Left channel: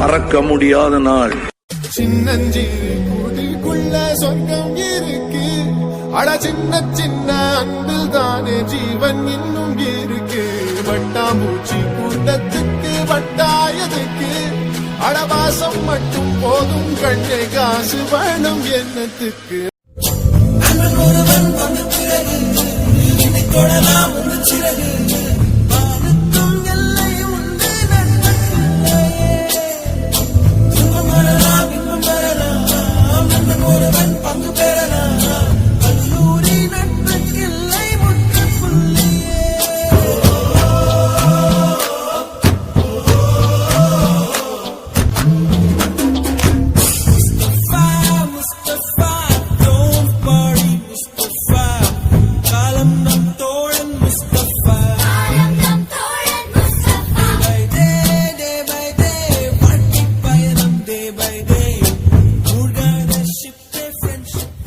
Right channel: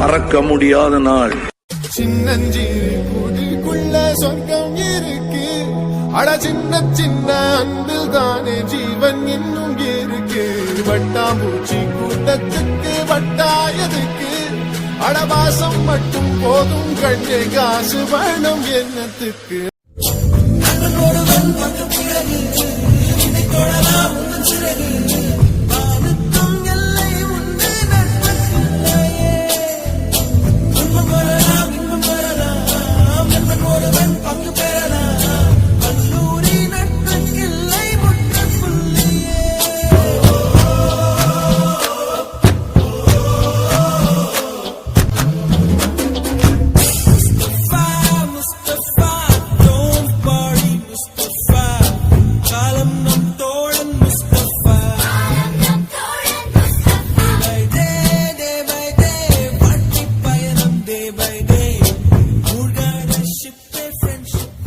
மறக்க முடியாத நாள். சின்னஞ்சிறு கூட்டுக்குள்ள சொர்க்கம் இருக்கு, அட சின்ன சின்ன அன்பில் தானே ஜீவன் இன்னும் இருக்கு. வட்டாம்பூச்சி கூட்டத்துக்கு வட்டாயதுக்கு, அடவாசம் மட்டும் போதும் கண்ணே, காசு வேணும் என்னத்துக்கு. ஒருவன் வந்து பிறகு என்னை தொடலாம் உங்கள் சிறகு, வானுக்கும் எல்லை உண்டு நட்புக்கில்லையே. துன்பம் வரலாம் இன்பம் வரலாம், நண்பன் ஒருவன் பங்கு பெறலாம், கல்லூரி நட்புக்கில்லை முற்றுப்புள்ளியே. முஸ்தபா முஸ்தபா don't worry முஸ்தபா, காலம் நம் தோழன் முஸ்தபா. Day by day வாழ்க்கை பயணம் day by day, மூழ்காத ஷிப்பே ஃப்ரெண்ட்ஷிப்.